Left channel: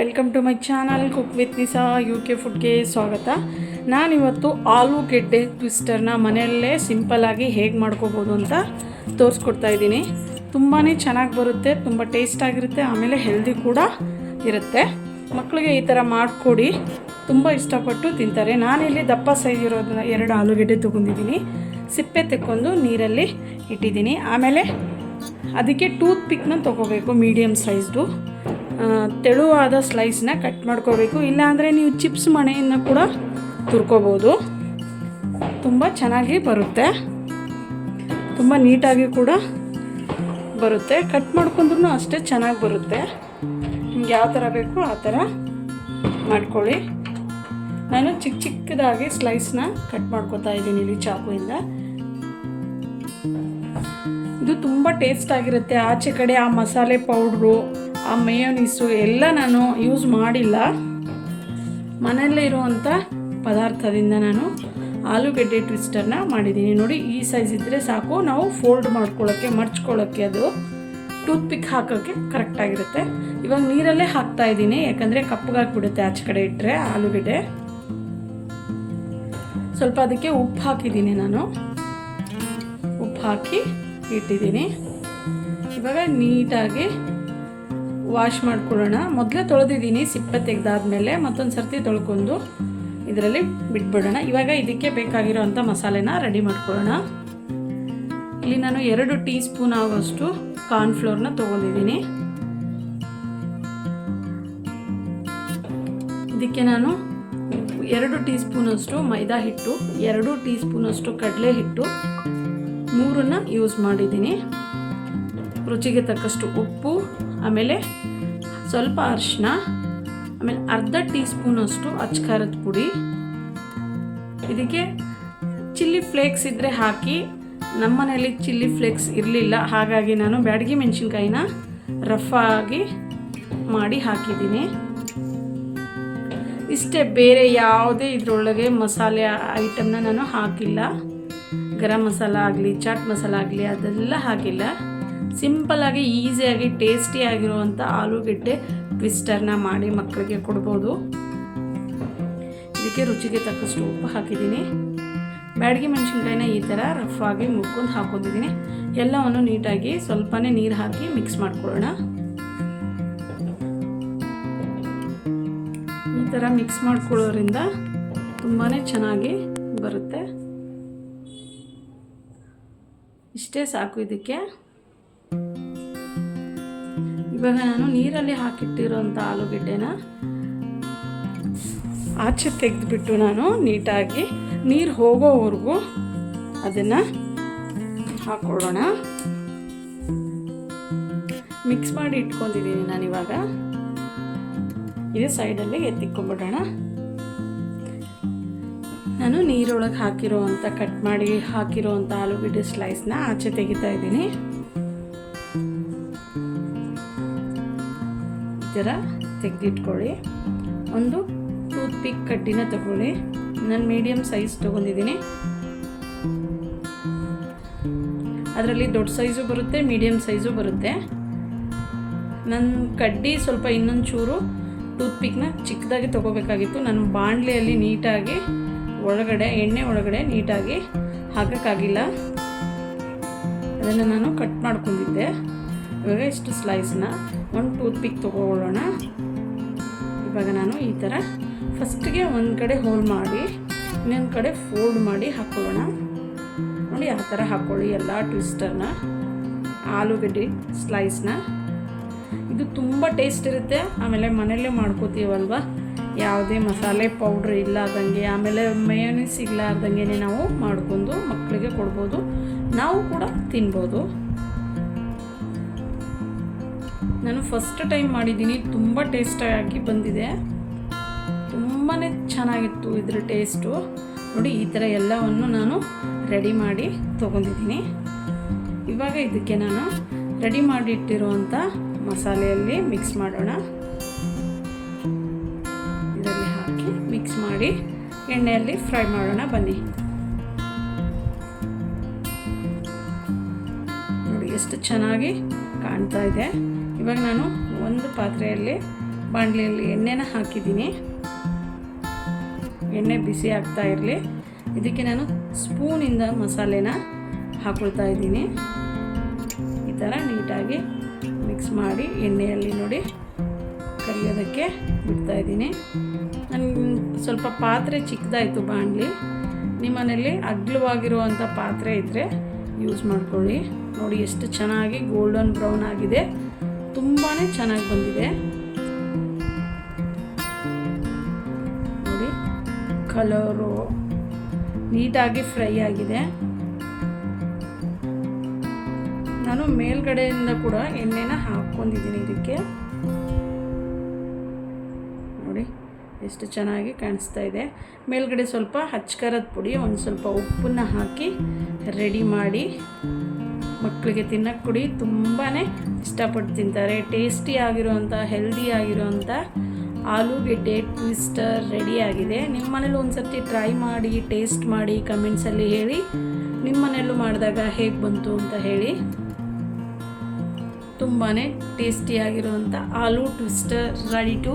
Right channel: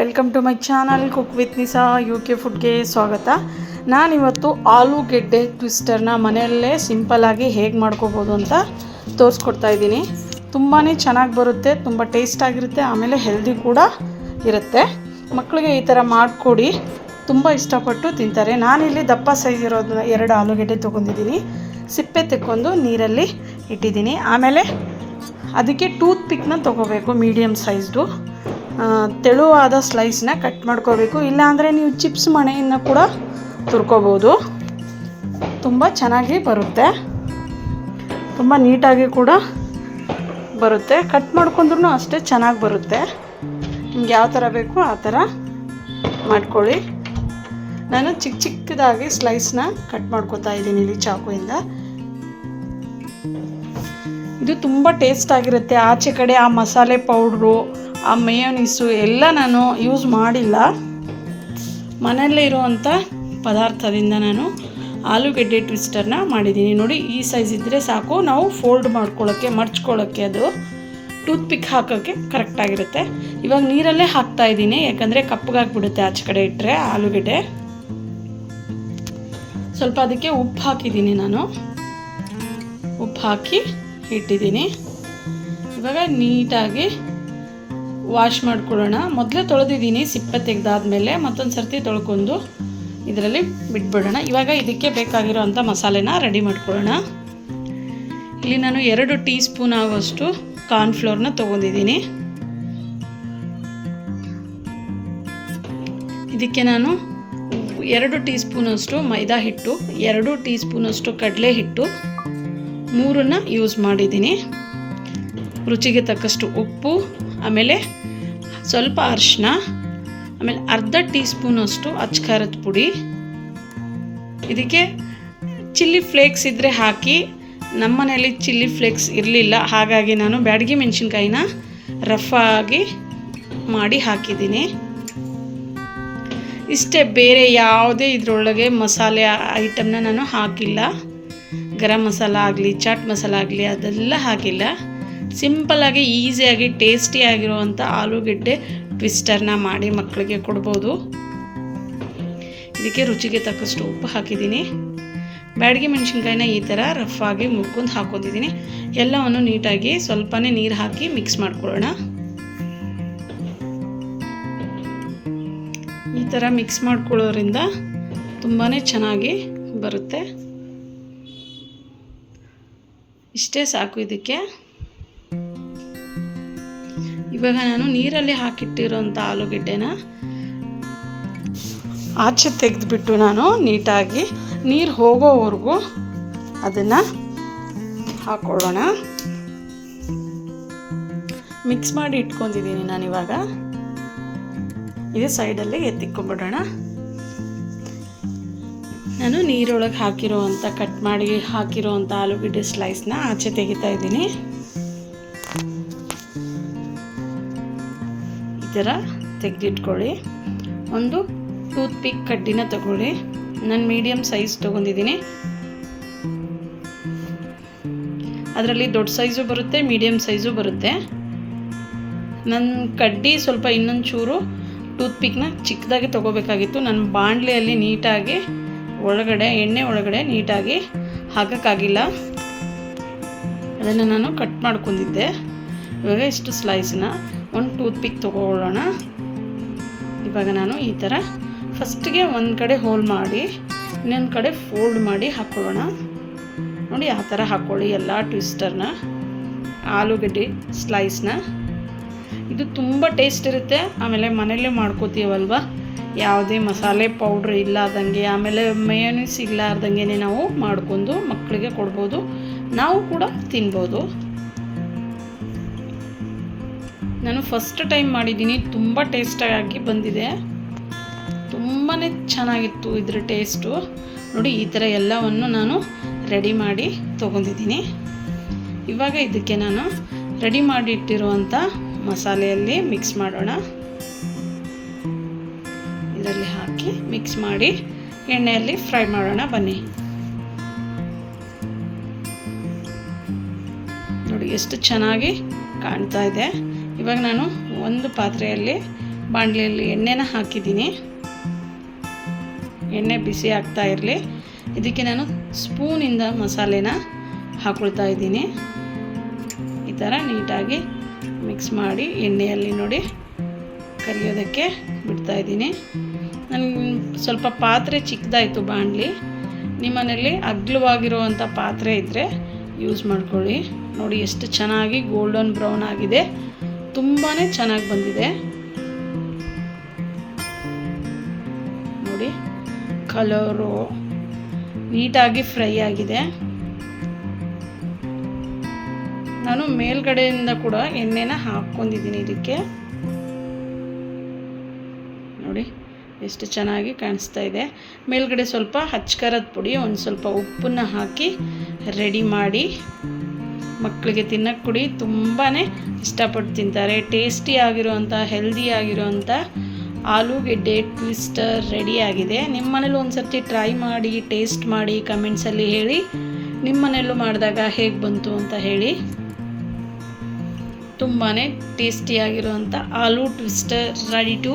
Welcome to my channel cook with Nisa UK ಫುಡ್ಗೆ ಸ್ವಾಗತ. ನಾನಿವತ್ತು ಆಲೂಗೆಡ್ಡೆ ಟ್ವಿಸ್ಟರ್ನ ಮನೆಯಲ್ಲೇ ಸಿಂಪಲ್ಲಾಗಿ ಹೇಗೆ ಮಾಡ್ಕೋಬೋದು ಅಂತ ತೋರಿಸ್ಕೊಡ್ತಾ ಇದ್ದೀನಿ. ತುಂಬಾ ಚೆನ್ನಾಗಿ ಬರುತ್ತೆ, ತುಂಬ ಟೇಸ್ಟಾಗಿರುತ್ತೆ, ಆಮೇಲೆ ಹೆಲ್ದಿ ಕೂಡ ಇರುತ್ತೆ. ಮಕ್ಕಳಿಗೆ ಈ ಥರ ಮಾಡಿಕೊಡಿ, ತುಂಬ ಇಷ್ಟಪಟ್ಟು ತಿಂತಾರೆ. ನಾನಿಲ್ಲಿ ದಪ್ಪ ಸೈಜ್ ಇರೋದನ್ನ 2 ಆಲೂಗೆಡ್ಡೆ ತೊಗೊಂಡಿದ್ದೀನಿ. ಸಿಪ್ಪೆ ತೆಕ್ಕೊಂಡು ನೀರಲ್ಲಿ ಇಟ್ಟಿದ್ದೀನಿ. ಆಮೇಲೆ ಅದಕ್ಕೆ ಟೂತ್ ಪಿಕ್ನ ತೊಗೋಬೇಕು, ಮೀಡಿಯಮ್ ಸೈಜ್ದು ತೆಳುವಾದ ಸ್ಲೈಸ್ನ ಕಟ್ ಮಾಡ್ಕೋಬೇಕು. ಇಲ್ಲಾಂದರೆ ನೀವು ಚಿಪ್ಸ್ ಮಣೆಯನ್ನು ಕೂಡ ತುರ್ಕೋಬೋದು. ತುಂಬ ಚೆನ್ನಾಗಿ ಬರುತ್ತೆ, ತುಂಬ ನೀಟಾಗಿ ಕೂಡ ಬರುತ್ತೆ. ಕಟ್ ಮಾಡ್ಕೊಂಡ್ರೂ ಅಷ್ಟೇ ಚೆನ್ನಾಗಿ ಬರುತ್ತೆ. ನಿಮ್ಗೆ ಯಾವ ಥರ ಬೇಕೋ ಆ ಥರ ಮಾಡ್ಕೊಳ್ಳಿ. ನಾನು ಚಿಕ್ಕದಾಗಿ ಸ್ಲೈಸ್ನ ಕಟ್ ಮಾಡ್ಕೊತಾ ಇದ್ದೀನಿ ಇಲ್ಲಿ ಚಾಕುವಿಂದ. ಇದು ತುಂಬ ಟೇಸ್ಟಾಗಿರುತ್ತೆ. ಆಚೆ ಕಡೆ ಆ ಮಸಾಲೆ ಪೌಡ್ರು, ಆ ಮೇಯೋನೀಸು ಎಲ್ಲ ನಾನು ಯೂಸ್ ಮಾಡಿಲ್ಲ. ಮನೆಯಲ್ಲೇ ಇರುವಂಥ ಪದಾರ್ಥದಿಂದ ನಾನು ಆಲೂಗೆಡ್ಡೆ ಟ್ವಿಸ್ಟರ್ನ ಮಾಡಿದ್ದೀನಿ. ನೋಡಿ, ಈ ಸೈಜ್ ಇದ್ದರೆ ಸಾಕು. ನಾವು ಫೋಲ್ಡ್ ಮಾಡ್ಕೊಳ್ಳೋಕ್ಕೆ, ಮಡ್ಚ್ಕೊಳ್ಳೋಕ್ಕೆ, ಅದು ಟೂತ್ ಪಿಕ್ ಹಾಕೋಕ್ಕೆ ಕರೆಕ್ಟಾಗಿರುತ್ತೆ. ಇವಾಗ ನೀರಲ್ಲೇ ಹಾಕ್ತಾಯಿದ್ದೀನಿ, ಯಾಕಂದರೆ ಕಪ್ಪಗಾಗಿಬಿಡುತ್ತೆ ಆಚೆ ಕಡೆ ಇಟ್ಟರೆ ಆಲೂಗೆಡ್ಡೆ. ಸ್ವಲ್ಪ ಅದಕ್ಕೆ ಉಪ್ಪು ಹಾಕಿದ್ದೀನಿ, ನಾನು ಉಪ್ಪು ಹಾಕಿ ಇಟ್ಟಿದ್ದೀನಿ. ಇವಾಗ ನೀಟಾಗಿ ವಾಶ್ ಮಾಡ್ಕೊಳ್ಳೋಣ. ಮೊದಲೇ ತೊಳೆದಿದ್ದೀನಿ, ಸಿಪ್ಪೆ ತೆಗೆದಾದ್ಮೇಲೆ ಮತ್ತೊಂದು ಸರ್ತಿ ತೊಳ್ಕೊಂಡು ಇದರಲ್ಲಿ ಬಿಟ್ಬಿಡೋಣ. ಇವಾಗ ಇದಕ್ಕೆ ಬೇಕಾಗಿರೋ ಅಂಥ ಮಸಾಲೆನ ರೆಡಿ ಮಾಡ್ಕೊಳ್ಳೋಣ. ಇಲ್ಲಿ ನಾನು 2 ಟೀ ಸ್ಪೂನ್ ಆಗುವಷ್ಟು ಕಾರ್ನ್ಫ್ಲೋರ್ನ ತೊಗೊಂಡಿದ್ದೀನಿ. ಇದಕ್ಕೆ ನಾನು 2 ಟೀ ಸ್ಪೂನಷ್ಟು ಮೈದಾ ಹಿಟ್ಟು, 2 ಟೀ ಸ್ಪೂನಷ್ಟು ಕಡಲೆ ಹಿಟ್ಟು, 3 ಯೂಸ್ ಮಾಡಿದ್ದೀನಿ. ರುಚಿಗೆ ತಕ್ಕಷ್ಟು ಉಪ್ಪು, ಆಮೇಲೆ ಸ್ವಲ್ಪ ಅರಿಶಿನ, ಆಮೇಲೆ ಅರ್ಧ ಟೀ ಸ್ಪೂನಷ್ಟು ಅಚ್ಕಾರದ ಪುಡಿ. ಇದಕ್ಕೆ ಚಿಲ್ಲಿ ಫ್ಲೇಕ್ಸ್ ಇದ್ದರೆ ಹಾಕಿ. ನಮ್ಮ ಮನೆಯಲ್ಲಿ ಚಿಲ್ಲಿ ಫ್ಲೇಕ್ಸ್ ಇರಲಿಲ್ಲ, ಹಾಗಾಗಿ ನಾನು ಬ್ಯಾಡಗಿ ಮೆಣಸಿನ್ಕಾಯಿನ ರಫ್ ಆಗಿ ಮಾಡಿ ಹಾಕಿದ್ದೀನಿ. ಇಷ್ಟೇ, ಬೇರೆ ಯಾವುದೇ ಇದರೊಳಗೆ ಮಸಾಲೆ ಐಟಮ್ನ ನಾನು ಹಾಕಿಲ್ಲ. ಗರಂ ಮಸಾಲ ಆಗಲಿ, ಚಾಟ್ ಮಸಾಲ ಆಗಲಿ, ಅದೆಲ್ಲ ಹಾಕಿಲ್ಲ. ಸಿಂಪಲ್ಲಾಗಿ ಈಸಿಯಾಗಿ ಟೇಸ್ಟಿಯಾಗಿರುವಂಥ ಆಲೂಗೆಡ್ಡೆ ಟ್ವಿಸ್ಟರ್ನ ಮಾಡಿ ಮಕ್ಕಳಿಗೆ ಕೊಡ್ಬೋದು. ಇದಕ್ಕೆ ರುಚಿಗೆ ತಕ್ಕಷ್ಟು ಉಪ್ಪು ಹಾಕಿದ್ದೀನಿ. ಬ್ಯಾಡಗಿ ಮೆಣಸಿನ್ಕಾಯಿನ ಈ ಥರ ರಫ್ ಆಗಿ ಮುರ್ಕೊಂಡು ಹಾಕ್ಕೊಂಡಿದ್ದೀನಿ. ಎಲ್ಲವನ್ನು ನೀಟಾಗಿ ಸ್ವಲ್ಪನೇ ನೀರು ಹಾಕಿ ಮಿಕ್ಸ್ ಮಾಡ್ಕೊಳ್ಳೋಣ. ಈ ಥರ ಮಿಕ್ಸ್ ಮಾಡ್ಕೊಳ್ಳೋದ್ರಿಂದ ತುಂಬಾ ಚೆನ್ನಾಗಿ ಬರುತ್ತೆ. ಇಷ್ಟೇ ಸಾಕು ಇದಕ್ಕೆ. ಇವಾಗ ನಾನು ನೀರಲ್ಲಿ ಹಾಕಿಟ್ಟಿರೋಂಥ ಆಲೂಗೆಡ್ಡೆನ ಆಚೆ ತೆಗೆದುಬಿಟ್ಟು ನಾನು ನೀಟಾಗಿ ನೀರು ಹೋಗೋವರೆಗೂ ಅದನ್ನು ಹಾಕ್ಕೊಳ್ಳೋಣ. ಮಿಕ್ಸ್ ಮಾಡಿ ಇಟ್ಕೊಂಡಿದ್ದೀನಿ ನಾನಿವಾಗ. ಇದು ಸೈಡಲ್ಲಿ ಎತ್ತಿಕ್ಕೊಂಬಿಡೋಣ. ನಾನು ನೀರೊಳಗೆ ಕಟ್ ಮಾಡಿ ಹಾಕಿರೋವಂಥ ಆಲೂಗೆಡ್ಡೆ ಸ್ಲೈಸ್ನ ಆಚೆ ತೆಗಿತಾ ಇದ್ದೀನಿ. ಈ ಥರ ತೆಗೆದಿಟ್ಕೊಳ್ಳಿ. ಒಂದು ಟೂತ್ ಪಿಕ್ ಕಡ್ಡಿನ ತಗೊಳ್ಳಿ. ನಾನು ಮೀಡಿಯಮ್ ಸೈಜ್ ತೊಗೊಂಡಿದ್ದೀನಿ. ಅದರಲ್ಲಿ ದೊಡ್ಡ ಸೈಜು ಬರುತ್ತೆ, ಮೀಡಿಯಮ್ ಸೈಜು ಬರುತ್ತೆ. ನನ್ನ ಕಡ್ಡಿ ಸ್ವಲ್ಪ ಇನ್ನೊಂದು ಚೂರು ಟೂತ್ ಪಿಕ್ನ ಚಿಕ್ಕದಾಗಿ ತೊಗೋಬೇಕಾಗಿತ್ತು. ನನ್ನ ಬಾಣಲೆಯಲ್ಲಿ ನೀಟಾಗಿ ಎಣ್ಣೆ ಒಳಗಡೆ ನೀಟಾಗಿ ಹಾಕೋಕ್ಕಾಗಿಲ್ಲ, ಅದನ್ನು ನಾನು ಕಟ್ ಮಾಡ್ಕೊಂಡಿದ್ದೆ. ಇವಾಗ ಇಷ್ಟು ಸ್ಲೈಸ್ನ ಒಂದು ಟೂತ್ ಪಿಕ್ ತೊಗೊಳ್ಳೋಣ. ಇವಾಗ ನಾನು ಈ ಥರ ಫಸ್ಟಿಗೆ ಒಂದು ಕಡೆ ಹೋಲ್ ಮಾಡಿ ಇನ್ನೊಂದು ಕಡೆ ಫೋಲ್ಡ್ ಮಾಡಿ ಹಾಕ್ಕೊಳ್ಳೋಣ. ನೋಡಿ, ಆ ಥರ ಹಾಕ್ಕೊಳ್ಳಿ ಎಲ್ಲ ಟ್ವಿಸ್ಟರ್ನ, ಆಲೂಗೆಡ್ಡೆ ಸ್ಲೈಸ್ನ. ಇದು ತುಂಬ ಟೇಸ್ಟ್ ಇರುತ್ತೆ. ಆಮೇಲೆ ಮನೆಯಲ್ಲೇ ಮಾಡ್ಕೋತೀವಲ್ವ, ಯಾವುದೇ ಮಸಾಲೆ ಪೌಡ್ರ್ ಇಲ್ಲಾರ್ದಂಗೆ, ಆಮೇಲೆ ಮೇಯೋನೀಸ್ ಇಲ್ಲಾರ್ದಂಗೆ ನಾವು ಮಾಡ್ಕೊಂಡು ಮಕ್ಕಳಿಗೆ ಕೊಡ್ಬೋದು, ನಾವು ಕೂಡ ತಿನ್ಬೋದು. ನಾನು ಫಸ್ಟ್ ಟೈಮ್ ಮಾಡಿದ್ದೀನಿ, ತುಂಬ ಟೇಸ್ಟಾಗಿ ಬಂದಿದೆ, ತುಂಬಾ ಚೆನ್ನಾಗಿತ್ತು ಇದರ ಟೇಸ್ಟು. ನೋಡಿ, ಈ ಥರ ಎಲ್ಲವನ್ನು ನಾನು ರೆಡಿ ಮಾಡಿ ತೊಗೊಂಡಿದ್ದೀನಿ. ಇವಾಗ ಇದಕ್ಕೆ ನಾನು ರೆಡಿ ಮಾಡಿ ಇಟ್ಟಿರುವಂಥ ಮಸಾಲೆಯಲ್ಲಿ ಮಿಕ್ಸ್ ಮಾಡೋಣ. ಇದರಲ್ಲಿ ಹಾಕಿ ಮಿಕ್ಸ್ ಮಾಡಿ ಎಣ್ಣೆಯಲ್ಲಿ ಫ್ರೈ ಮಾಡೋಣ. ಬನ್ನಿ, ನೋಡಿ ಎಷ್ಟು ಚೆನ್ನಾಗಿ ಕಾಣ್ತಾ ಇದೆ. ಇವಾಗ ನಾನು ಒಂದು ಪಾತ್ರೆಯಲ್ಲಿ ಬಾಣಲೆಯಲ್ಲಿ ಎಣ್ಣೆನ ಹಾಕಿದ್ದೀನಿ. ಎಣ್ಣೆ ಬಿಸಿ ಆಗ್ತಾ ಇರಲಿ. ಇದಕ್ಕೆ ನಾನು ಸ್ಪೂನಿಂದ ಮಸಾಲೆನ ಹಾಕ್ಕೊಳ್ತಾ ಇದ್ದೀನಿ. ಈ ಥರ ನೀಟಾಗಿ ಮಿಕ್ಸ್ ಮಾಡಿ ಎಣ್ಣೆಯಲ್ಲಿ ನೋಡಿ ಕರಿಯೋದಕ್ಕೆ ಬಿಡ್ತಾಯಿದ್ದೀನಿ. ನನಗೆ ಸ್ವಲ್ಪ ಪಾತ್ರೆ ಚಿಕ್ಕದಾಯಿತು ಬಾಣಲಿ. ನಿಮ್ಮ ಮನೆಯಲ್ಲಿ ಅಗಲವಾಗಿರುವಂಥ ಪಾತ್ರೆ ಇದ್ದರೆ ಯೂಸ್ ಮಾಡ್ಕೊಳ್ಳಿ. ನೋಡಿ ಎಷ್ಟು ಚೆನ್ನಾಗಿ ಗೋಲ್ಡನ್ ಬ್ರೌನ್ ಆಗಿದೆ, ತುಂಬಾ ಚೆನ್ನಾಗಿ ಬಂದಿದೆ. ನೋಡಿ ಕಲರು ನೀಟಾಗಿ ಫ್ರೈ ಆಗಿದೆ. ನಾನು ಮೇಲ್ಗಡೆಯಿಂದ ಕೂಡ ಎಣ್ಣೆನ ಹಾಕ್ಕೊಂಡಿದ್ದೀನಿ ಇದಕ್ಕೆ. ನೋಡಿ ಎಷ್ಟು ಚೆನ್ನಾಗಿ ಕಾಣಿಸ್ತಾ ಇದೆ. ಮೇಲ್ಗಡೆ ಸ್ವಲ್ಪ ಹಚ್ಕರದ ಪುಡಿ, ಒಂದು ಸ್ವಲ್ಪ ಉಪ್ಪನ್ನು ಹಾಕಿ ರೆಡಿ ಮಾಡಿ ಮಕ್ಕಳಿಗೆ ತಿನ್ನಕ್ಕೆ ಕೊಡಿ. ತುಂಬಾ ಇಷ್ಟಪಟ್ಟು ತಿಂತಾರೆ. ಟೇಸ್ಟಿ ಆಗಿರೋವಂಥ ಹೆಲ್ದಿ ಆಗಿರೋವಂಥ ಆಲೂಗೆಡ್ಡೆ ಟ್ವಿಸ್ಟರ್ ರೆಡಿಯಾಗಿದೆ. ನಿಮ್ಮ ಮನೇಲಿ ಒಂದು ಸರ್ತಿ ಟ್ರೈ ಮಾಡಿ, ಟೇಸ್ಟ್ ಮಾಡಿ, ಕಮೆಂಟ್ಸಲ್ಲಿ ಹೇಳಿ ನಿಮ್ಮ ಮನೆಯಲ್ಲೂ ಮಾಡಿದಾಗ ಹೇಗೆ ಬಂತು ಅಂತ ಹೇಳಿ. ತುಂಬಾ ಟೇಸ್ಟಿಯಾಗಿರುವಂಥ ಆಲೂ ಟ್ವಿಸ್ಟರ್ ರೆಡಿ ಟು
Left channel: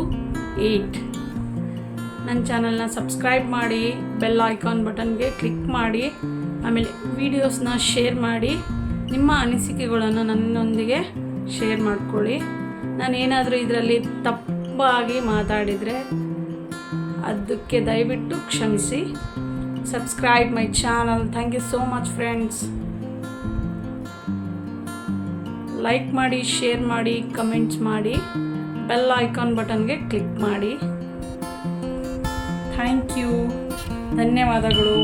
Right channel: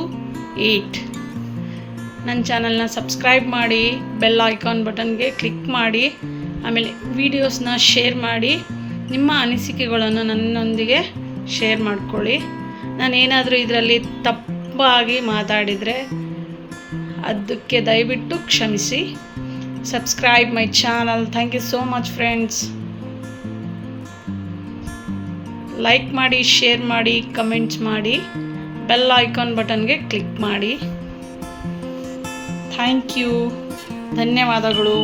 ಈಟ್. ನನ್ನ ಚಾನಲ್ನ ಸಬ್ಸ್ಕ್ರೈಬ್ ಮಾಡಿ, ಬೆಲ್ ಐಕಾನ್ ಬಟನ್ಗೆ ಕ್ಲಿಕ್ ಮಾಡಿ, ಆಮೇಲೆ ವೀಡಿಯೋಸ್ನ ಶೇರ್ ಮಾಡಿ, ನಿಮ್ಮ ಅನಿಸಿಕೆಗಳನ್ನು ನನ್ನೊಂದಿಗೆ ಶೇರ್ ಮಾಡ್ಕೊಳ್ಳಿ. ನಾನೇನಾದರೂ ಇದರಲ್ಲಿ ತಪ್ಪಾಗಿ ಮಾತಾಡಿದರೆ ಅದಕ್ಕೆ ದಯವಿಟ್ಟು ಕ್ಷಮಿಸಿ. Subscribe my channel. Thank you so much friends. Like ಮಾಡಿ, ಶೇರ್ ಮಾಡಿ, ಕಮೆಂಟ್ಸ್ ಮಾಡಿ, ಬೆಲ್ ಐಕಾನ್ ಬಟನ್ಗೆ ಕ್ಲಿಕ್ ಮಾಡಿ. Thank you. ಧನ್ಯವಾದಗಳು.